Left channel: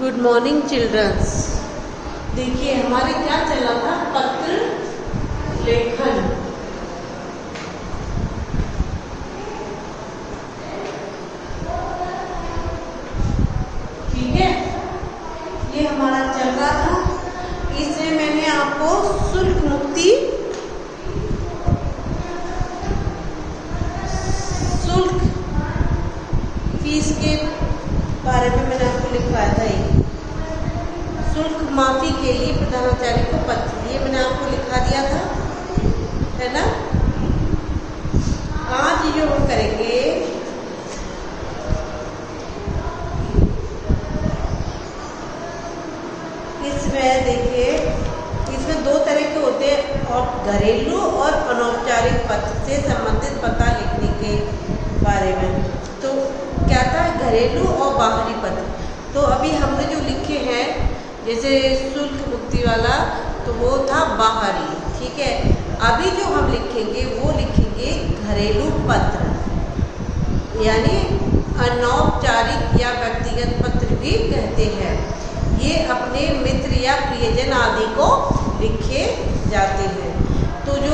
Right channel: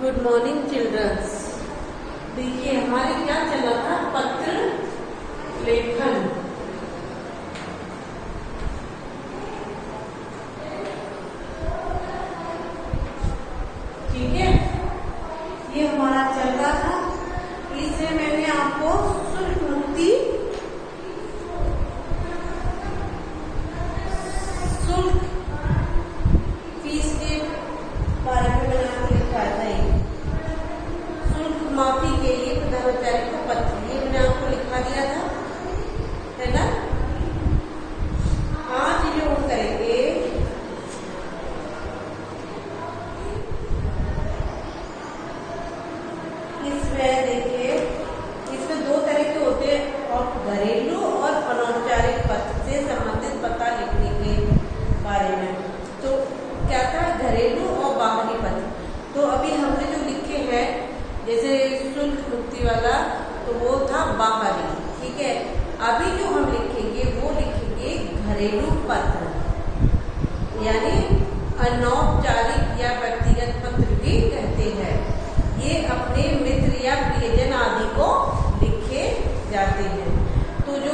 Good morning children's. देखिए हमारे क्या चल रहा था, पत्र लेखन। ठीक है, ये हमारा चल रहा था। इसमें मैंने आपको शुल्क मुक्ति, शुल्क फीस के बारे में मैंने आपको लिखवाया था। शुल्क माफी के लिए प्रधानाचार्य को पत्र, ये मैंने आपको लिखवा दिया था, है ना। आज जो हम करेंगे इसमें, देखिए इसमें दो तरह के होते हैं, और घरेलू और अनौपचारिक पत्र से संबंधित पता लिखने के बारे में। तो क्या था, घरेलू और बाहरी पत्र। तो अभी हमने जो लिखे हैं, जैसे शुल्क मुक्ति वाला, तो वो था बाहरी। ठीक है, अभी जो हम लिखेंगे वो लिखेंगे घरेलू पत्र, यानी अनौपचारिक या व्यक्तिगत पत्र भी कहते हैं। ये अपने मित्र या प्रियजन आदि को लिखे जाते हैं। तो जो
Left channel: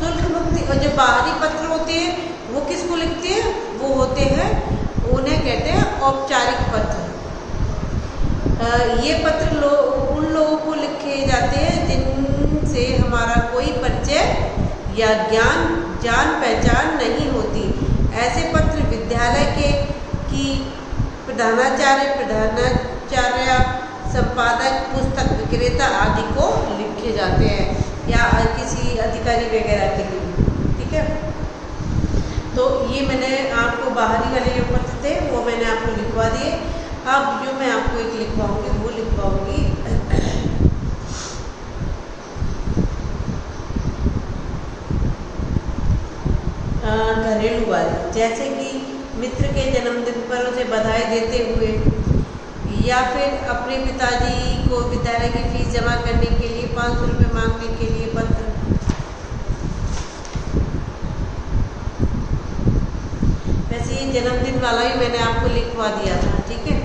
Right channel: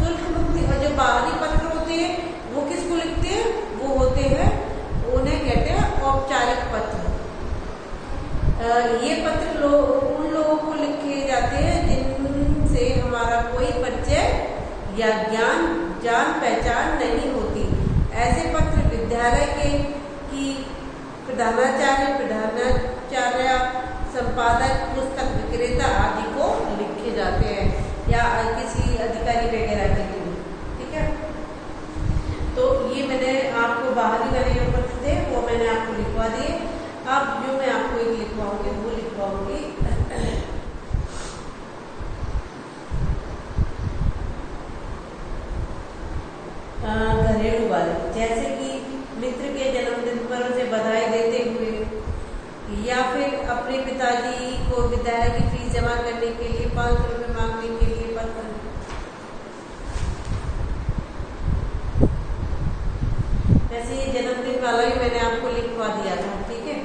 शुल्क मुक्ति और जो बाहरी पत्र होते हैं वो किसको लिखते हैं, वो होते हैं, उन्हें कहते हैं औपचारिक पत्र। ये पत्र उन लोगों को लिखे जाते हैं जिनसे हमारा कोई परिचय या जान पहचान नहीं होती। ऐसे पत्र विद्यालय की प्रधानाचार्य, संपादक, पुस्तक विक्रेता आदि को लिखे जाते हैं, या किसी अधिकारी वगैरह के लिए। ठीक है, तो ये मैंने आपको बाहरी वाले पत्र थे वो मैंने आपको लिखवा दिए। अब जो मैं आपको एक लिखवाऊंगी वो लिखवाऊंगी घरेलू वाले, जैसे कि मित्र के जन्मदिन पर उसे बधाई देते हुए, या फिर अपने पिताजी को विद्यालय की फीस जमा करने के लिए 500 रुपये मांगने के लिए पत्र। वैसे ये जन्मदिन वाला ही मैंने आपको लिखवा दिया था। ठीक है,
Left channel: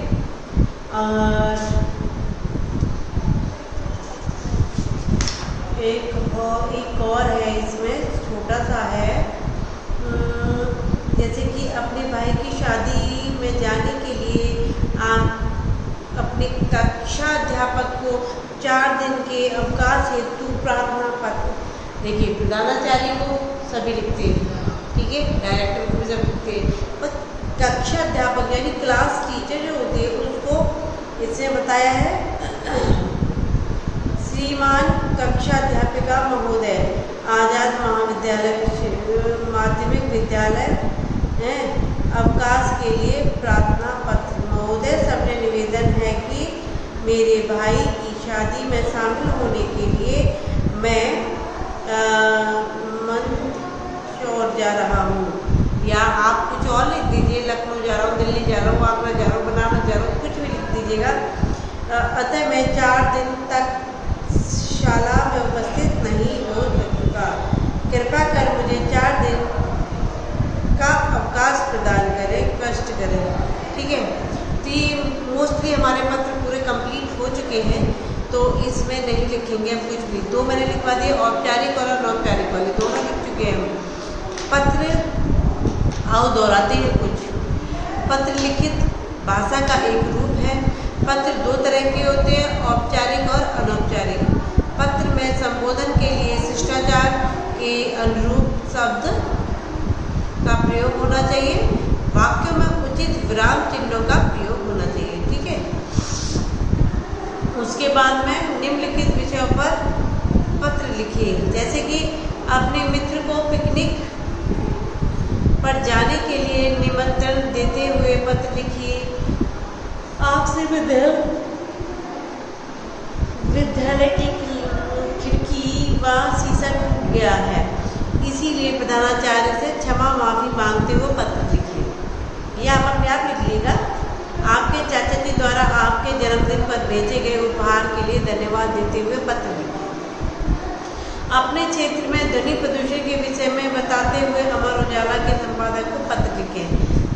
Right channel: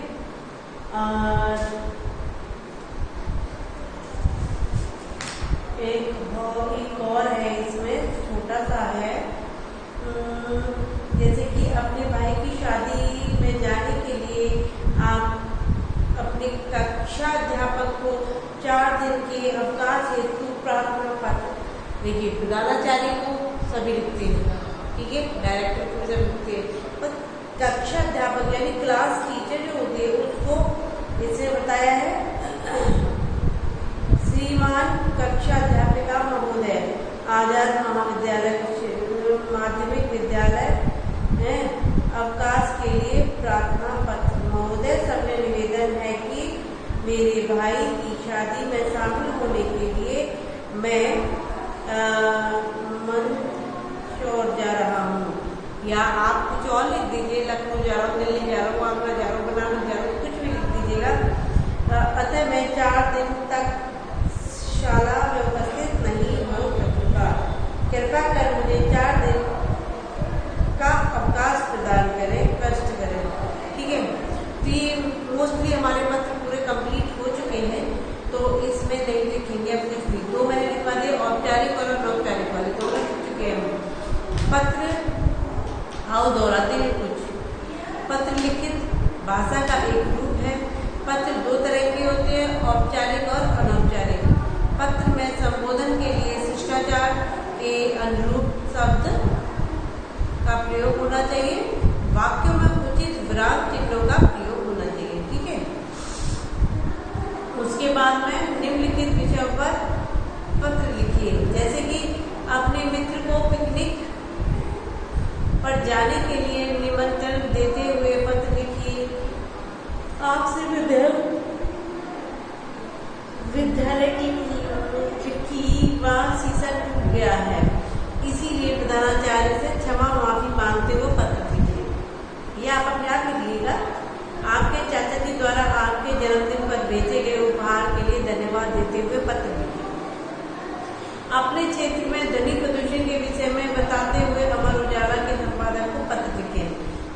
और एक और है, इसमें छोटा सा है, जैसे कि अपने भाई की शादी में जाने के लिए आप अपने कक्षा अध्यापक को 4 दिन के अवकाश हेतु प्रार्थना पत्र। देखिए प्रधानाचार्य को सभी लिखते हैं, ठीक है, डायरेक्टर को सब लिखते हैं, और कक्षा अध्यापक यानी क्लास टीचर जो होते हैं उसको इसमें बताया है, श्रीमान कक्षा अध्यापिका महोदय, आजाद महाविद्यालय माध्यमिक विद्यालय है, अवकाश के लिए प्रार्थना पत्र। महोदय, सबने निवेदन है कि मेरे भाई की शादी में शामिल होने के लिए मैं मंदसौर जा रहा हूँ, या आप कुछ और लिख दीजिए, लखनऊ जा रहा हूँ, दिल्ली जा रहा हूँ, आगरा जा रहा हूँ, बनारस जा रहा हूँ, कुछ भी लिख दीजिएगा। अतः मैं 4 दिन तक शाला में उपस्थित नहीं हो सकूँगा। कृपा कर मुझे 4 दिन का अवकाश प्रदान करें, कष्ट करें। ठीक है, तो ये मोस्टली हमारे पत्र पूरे कंप्लीट हो चुके हैं, तो इसमें नहीं लिखेंगे हम कुछ भी। दो मैंने लिखवा दिए, औपचारिक और अनौपचारिक वाले दोनों लिख चुके हैं। पत्र आओ दोहराते हैं कुछ। पत्र लिखित भाषा का एक रूप है। पत्र 2 तरह के होते हैं, औपचारिक और अनौपचारिक। पत्र में संबोधन के लिए शिष्टाचार के अनुरूप शब्द का प्रयोग होना चाहिए। वाक्य में उचित विराम चिन्हों का प्रयोग होना चाहिए। ठीक है, उसके बाद में निम्नलिखित विषयों पर पत्र लिखिए, जैसे कि अपने मित्र को पिकनिक पर जाने के लिए निमंत्रण देते हुए पत्र लिखिए। आपसे विद्यालय की खिड़की व शीशा टूट गया है, इसीलिए प्रधानाचार्य से क्षमा माफी मांगते हुए पत्र लिखिए। यह आप अपने आप लिख लीजिएगा। आपके चाचा जी द्वारा आपके जन्मदिन पर भेजे गए उपहार के लिए धन्यवाद देते हुए पत्र लिखिए। अपने क्षेत्र में ध्वनि प्रदूषण के विषय में बताते हुए अमर उजाला के संपादक को पत्र लिखे।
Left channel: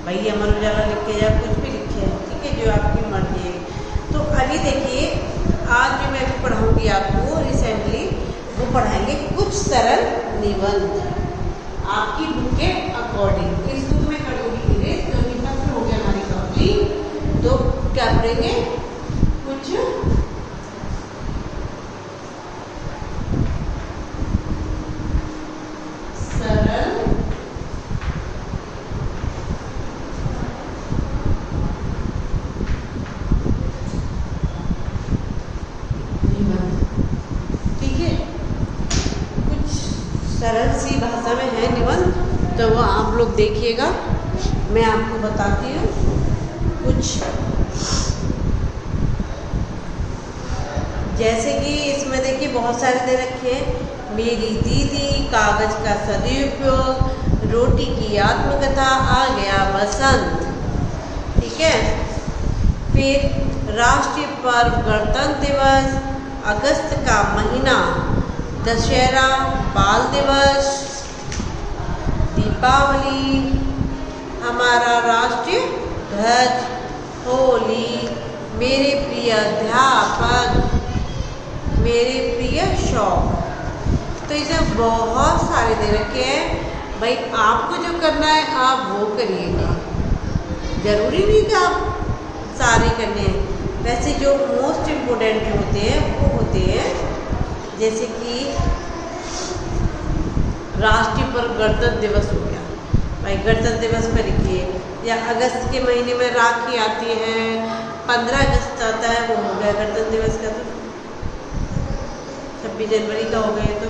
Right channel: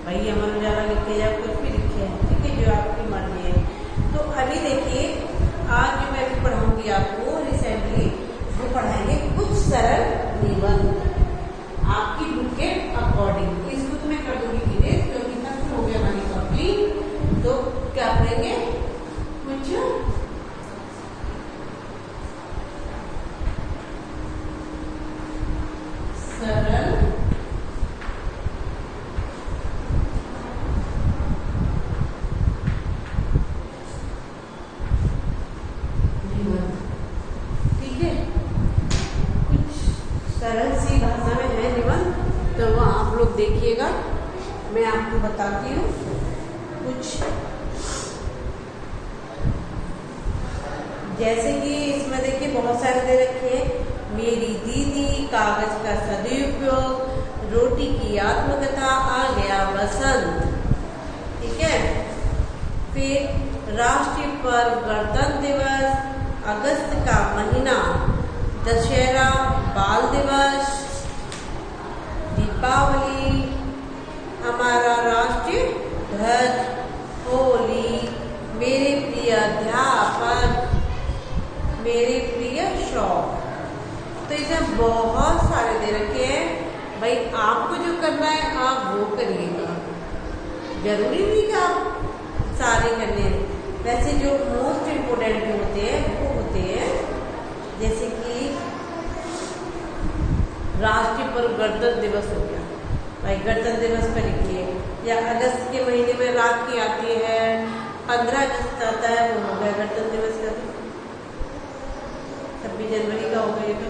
भाई अमर उजाला लिखे या कुछ भी लिखे, ठीक है, जो आपकी मर्जी है। तो अभी अभी देखिए, आज जो मैं अभी पढ़ाऊंगी आपको रिसेंटली, वो पढ़ाएंगे कुछ सरल निबंध आपकी बुक के अकॉर्डिंग। इस बुक में कर दूंगी धीरे, क्योंकि खत्म हो गया हमारी कंप्लीट। तो क्या करेंगे, कुछ सरल निबंध, ठीक है। कुछ सरल सी भाषा में है निबंध, तो वो आप लोग देखिएगा। मैं आपको बताती हूँ कुछ, जैसे कि इसमें देखिए बहुत सारे दे रखे हैं। मेरी दीदी, कागज का सदुपयोग, रोटी की आत्मकथा, आ गया बसंत, ठीक है। फिर राष्ट्रीय पर्व गणतंत्र दिवस, अगस्त का महीना, दशहरा, बाल दिवस, दीपावली, हमारा राष्ट्रीय ध्वज, होली, मेरे प्रिय अध्यापक, मेरे प्रिय शौक। तो इसमें बहुत सारे दे रखे हैं भाई, आपको जो करना है आप वो करिएगा, जरूरी नहीं कि आप सारे करने हैं। वैसे जो मोस्ट इम्पोर्टेंट होते हैं वो होते हैं, जैसे कि राष्ट्रीय पर्व गणतंत्र दिवस हो गया भाई, गणतंत्र दिवस पर लिखिए। या अगस्त के महीने में राखी आती है, 15 अगस्त आता है, वो हो गया गणतंत्र दिवस का। तो 26 जनवरी का हो गया, तो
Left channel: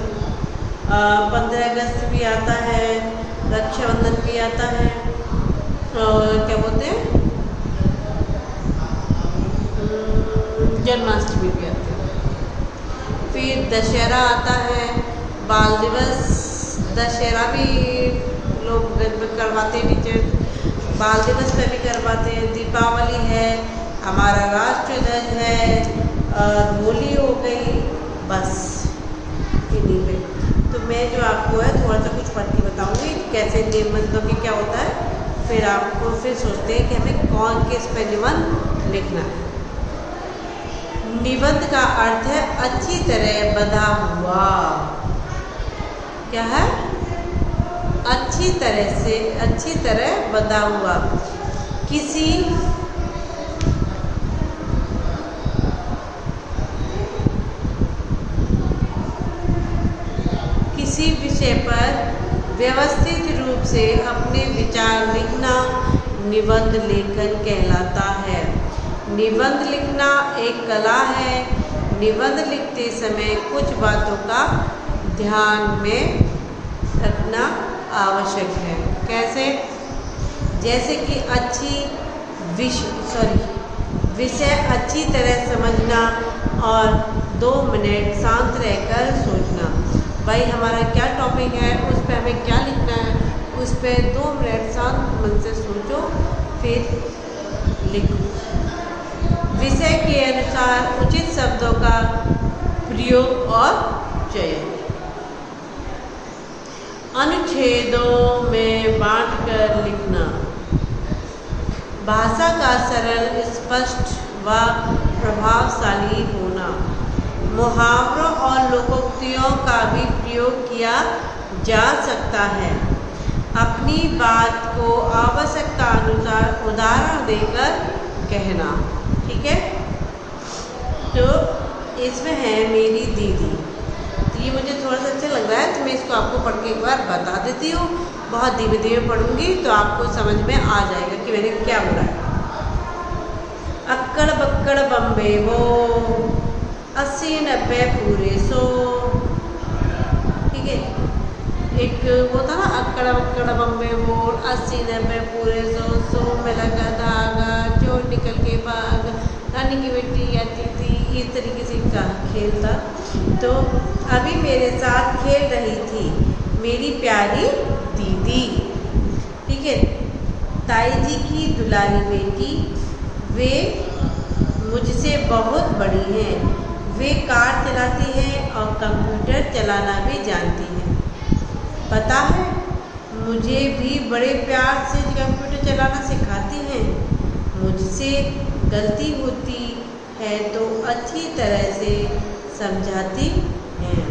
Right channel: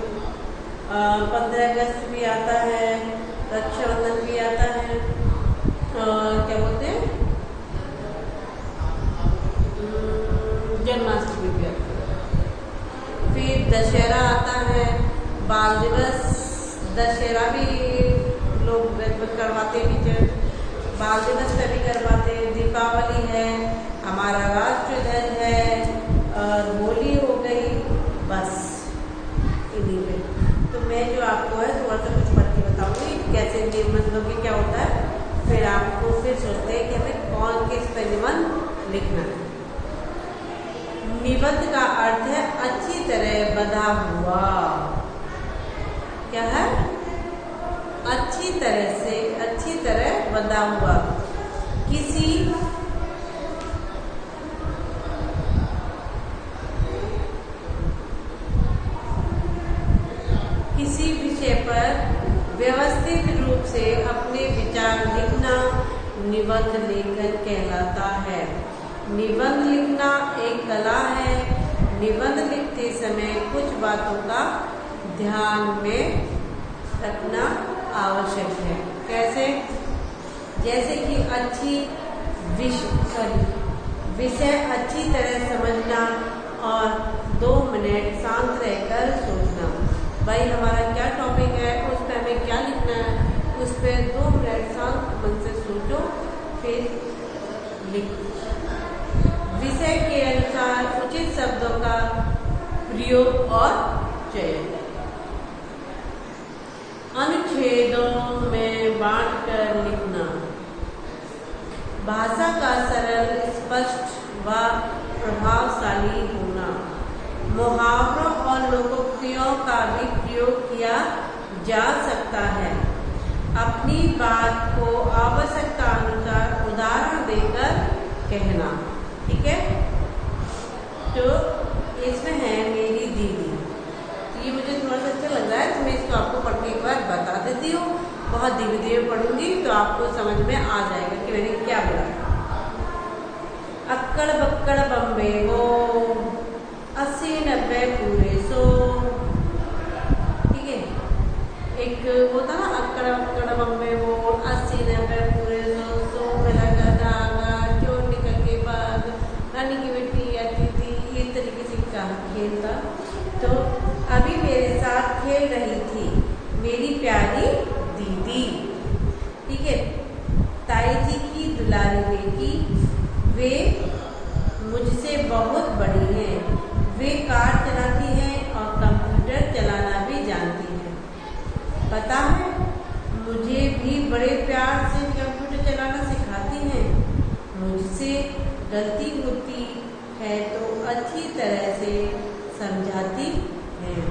15 अगस्त भी आता है, रक्षाबंधन भी आता है, और क्या बोलते हैं, जन्माष्टमी भी आती है। फिर दशहरा आता है, बाल दिवस, दशहरा भी लोग करवाते हैं, बीच बाल दिवस का भी करवाते हैं। दीपावली है, हमारा राष्ट्रीय ध्वज है, होली हो गई, बस इन्हीं में। तो मैं जो आपको है थोड़ा सा कुछ पढ़ के बताऊँगी कैसे निबंधों के क्या होता है, फिर आपको फिर सोचते हैं कि हमें कौन किस पर निबंध लिखना है। निबंध का अर्थ है अच्छी तरह बंधा हुआ, क्या है, अच्छी तरह से, अच्छी तरह बंधा हुआ। किसी विषय पर व्यवस्थित रूप से अपने विचार लिखना निबंध लेखन कहलाता है। निबंध लिखना एक कला है। निबंध लिखते समय कुछ बातों का ध्यान में रखना आवश्यक है। कैसे, जैसे कि विषय अच्छी तरह समझना और 2 मिनट शांत रहकर सोचना। भाई हमारा क्या टॉपिक है, उस पर हमें क्या लिखना है, उस पर 2 मिनट शांत मन से सोचो, फिर लिखो। विषय के अनुसार उचित शब्दों का प्रयोग और चयन। अनुच्छेदों में बांटकर लिखना। भाषा का सरल, स्पष्ट व प्रभावशाली होना। मुहावरों और लोकोक्तियों का भी प्रयोग किया जा सकता है। अपनी बात को आवश्यकता अनुसार उदाहरण देकर कहना, ठीक है। तो इसमें है मेरी दीदी, ये मुझे थोड़ा सा अच्छा लग रहा है, तो मैं इसको आपको पढ़ के एक बार बता देती हूँ। बहुत धीरे धीरे पढ़ूंगी तो आपको समझ में आ जाएगा कि मैंने क्या बोला है। अक्कड़ बक्कड़ बम्बे वो, 80-90 पूरे 100, ठीक है। एक वो था ना, अक्कड़ बक्कड़ बम्बे वो, 80-90 पूरे 100, 100 में लगा धागा, चोर निकल के भाग, रानी की बेटी आती थी। इस तरीके से का खेल था। तो अभी मेरे साथ खेल रही थी मेरी प्यारी दीदी, ठीक है। ताई जी की दुलारी बेटी, वे मुझसे बहुत बड़ी हैं। वे कार चलाती हैं और कंप्यूटर चलाना भी जानती हैं। पता है, मुझे भी बड़े प्यार से कंप्यूटर चलाना सिखाती हैं। मुझसे गलती होती है तो अच्छी तरह से समझाती हैं।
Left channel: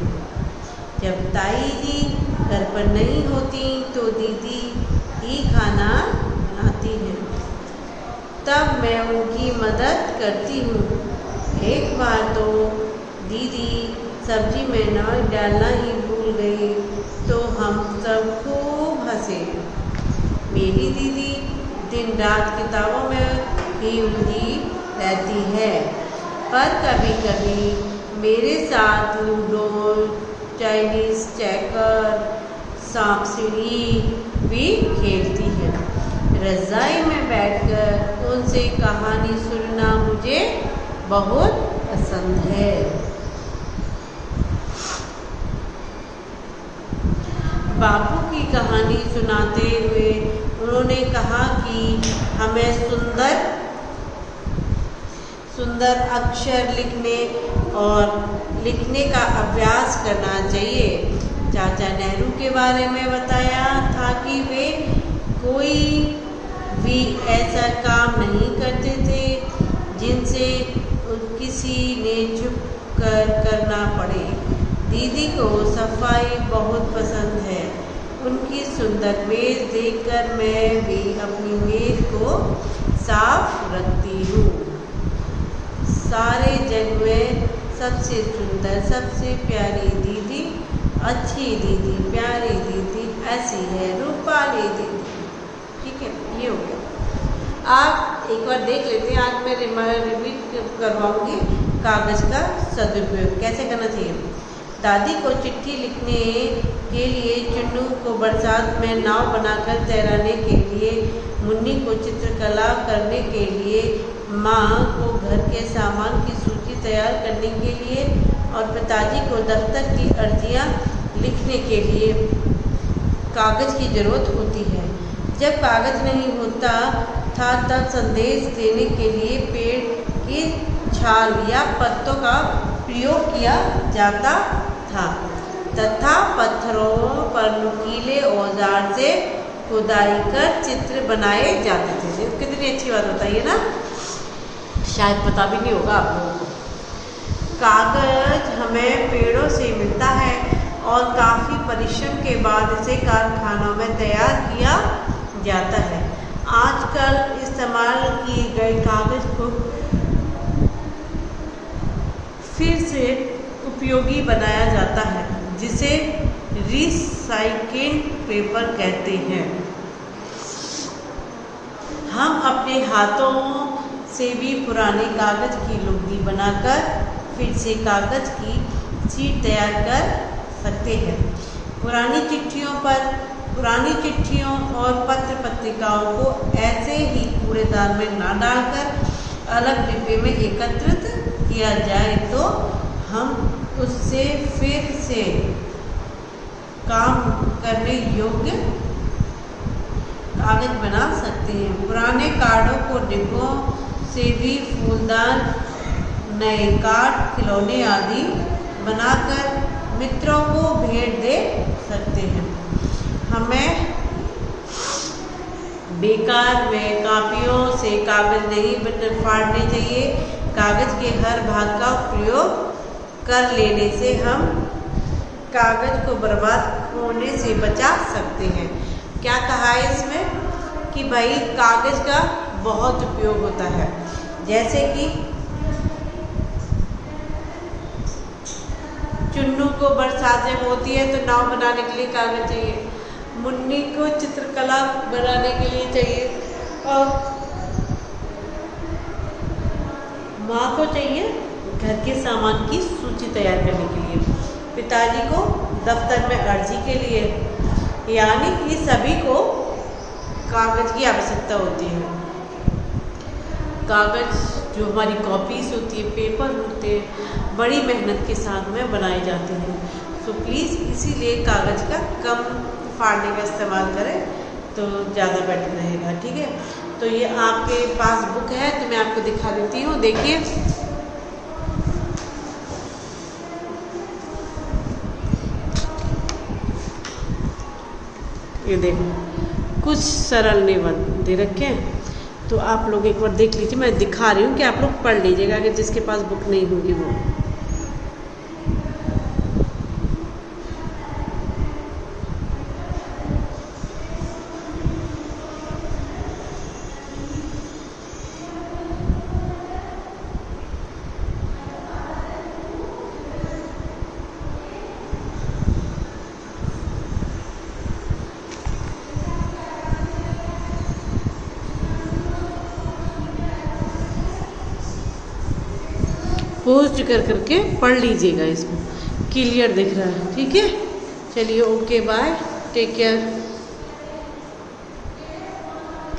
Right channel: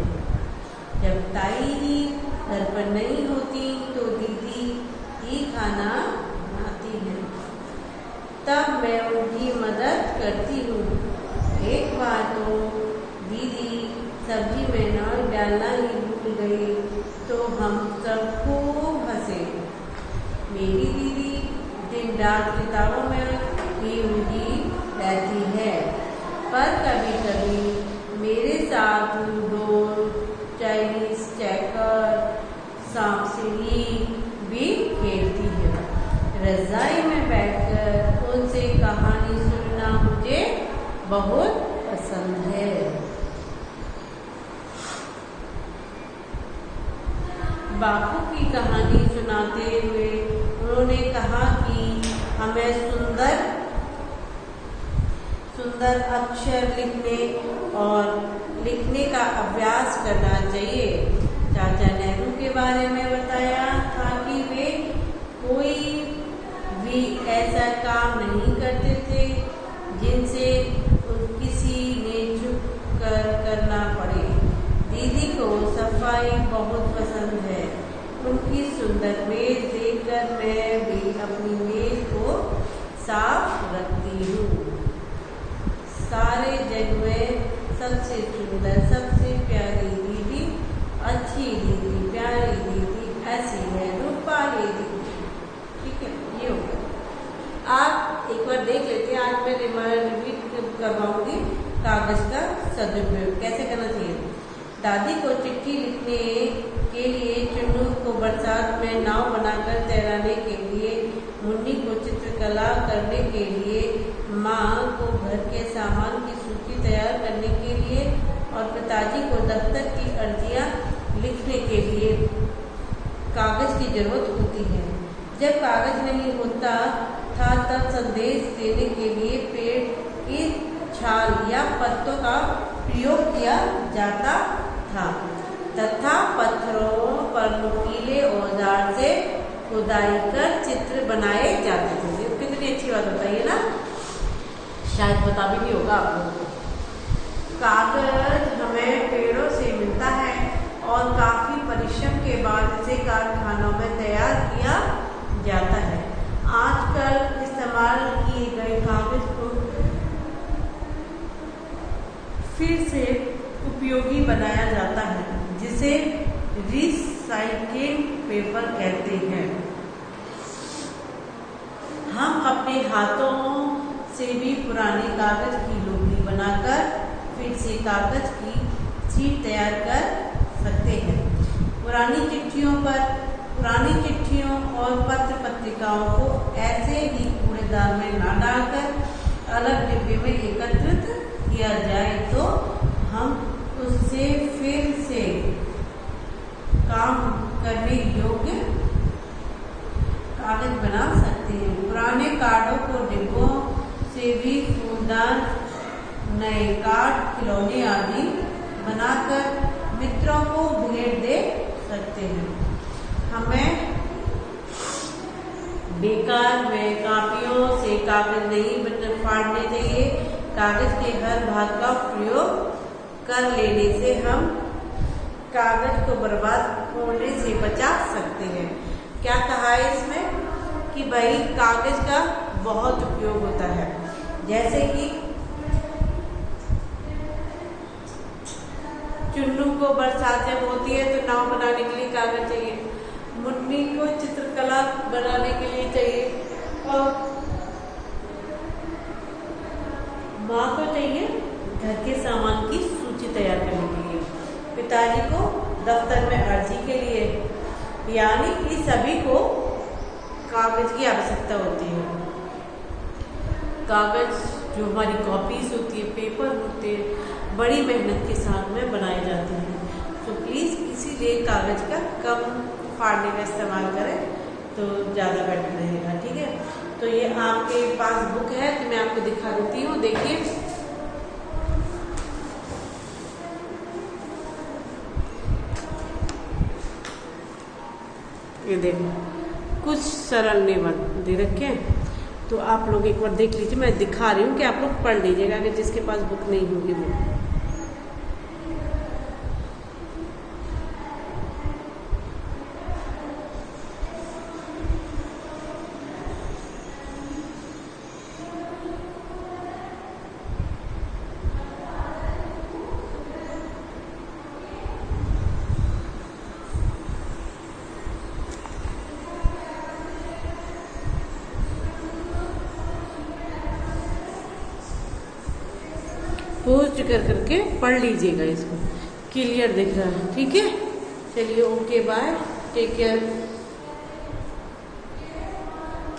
जब ताई जी घर पर नहीं होती तो दीदी ही खाना बनाती हैं। तब मैं उनकी मदद करती हूँ। एक बार तो दीदी सब्जी में नमक डालना ही भूल गई तो हम सब खूब हंसे। मेरी दीदी दिन रात किताबों में ही उलझी रहती है, पर कभी कभी मेरे साथ लूडो, चाइनीज चेकर, सांप सीढ़ी भी खेलती है। रज़ाई में बैठकर उनसे कहानी सुनना मुझे बहुत पसंद है। बापू की कहानी सुनाते हुए उन्होंने कहा कि हमें सुंदर सुंदर अक्षर लिखने का अभ्यास करना चाहिए। चाचा नेहरू के बारे में बताया था कि वे कोई भी ऐसा काम नहीं करते थे जिनसे किसी ने चुप कर करना पड़े। दीदी को सफाई बहुत पसंद है। उनकी सुंदर मेज देखकर मैं भी अपनी मेज को साफ रखती हूँ। सारे जग में सबसे सुंदर, सबसे प्यारी दीदी, अच्छी दीदी, प्यारी दीदी ऐसी है रूपाली दीदी। ठीक है, ये हो गया। आप एक बार देख लेते हैं। आज मैं रिपीट करवाऊंगी कागज़ का सदुपयोग कैसे करना चाहिए। दादी को चिट्ठी लिखने के लिए, चुन्नू को बरसात में नाव बनाकर तैराने के लिए, मुन्नी को चित्रकला करने के लिए, माँ को घर के सामान की सूची तैयार करने के लिए और पिताजी को दफ्तर की अर्जियाँ लिखने के लिए कागज़ की ज़रूरत होती है। जब कागज़ नहीं होता था तब संदेश देने के लिए पेड़ की छाल या पत्तों का प्रयोग किया जाता था तथा पत्थरों पर नुकीले औजार से खुदाई कर चित्र बनाए जाते थे। कितनी अच्छी बात होता है ना, शायद पता भी नहीं होगा आप लोगों को। कागज हमें पेड़ों से मिलता है और काफ़ी परिश्रम के बाद इसे कारखानों में तैयार किया जाता है। आजकल इस्तेमाल किए गए कागज को फिर से उपयोगी बनाया जाता है, जिसे रिसाइकिल्ड पेपर कहते हैं। हम अपने हाथों से भी पुराने कागज की लुगदी बनाकर फिर से कागज की शीट तैयार कर सकते हैं। पुरानी चिट्ठियों और पत्र पत्रिकाओं को ऐसे ही कूड़ेदान में ना डालकर अलग डिब्बे में एकत्रित किया जाए तो हम उससे फिर से काम करने योग्य कागज बना सकते हैं। पुराने कार्डों को डिब्बों से भी फूलदान, नए कार्ड, खिलौने आदि बनाकर मित्रों को भेंट दे सकते हैं। हमें बेकार में कापियों से कागज नहीं फाड़ने चाहिए। कागज के हर भाग का प्रयोग कर लेने से हम कागज को बर्बाद होने से बचा सकते हैं। क्या कहा है इसमें कि भाई कागज का बहुत उपयोग होता है। जैसे कि चुन्नू को बरसात जब होती है तो नाव बनाने के लिए कागज चाहिए, मुन्नी को चित्रकला बनाने के लिए चाहिए और माँ को चाहिए घर के सामान की सूची तैयार करने के लिए, पिताजी को दफ्तर में अर्जी के लिए, यानी कि सभी को कागज़ की आवश्यकता होती है। कागज़ जो हमारी कॉपीज़ होती है, पेपर होते हैं, बड़ी मेहनत के साथ में बनाए जाते हैं। तो प्लीज़ इसीलिए कागज़ का कम फाड़ने का इस्तेमाल करें तो ज़्यादा बेटर रहेगा। ठीक है, तो ये आपके पास बुक है तो मैं आपको दिखा देती हूँ। देखिए, ये देखो कुछ सरल निबंध दे रखे हैं। तो आप लोग एक बार देख लीजिए, मैं दिखा रही हूँ कि आप लोग पढ़ लीजिएगा, अगर जिसके पास बुक नहीं होगी वो। पोस्ट कर करके पढ़ लीजिएगा, इसको क्लियर दिख रहा है, ठीक है। चलिए, ओके, बाय, टेक केयर।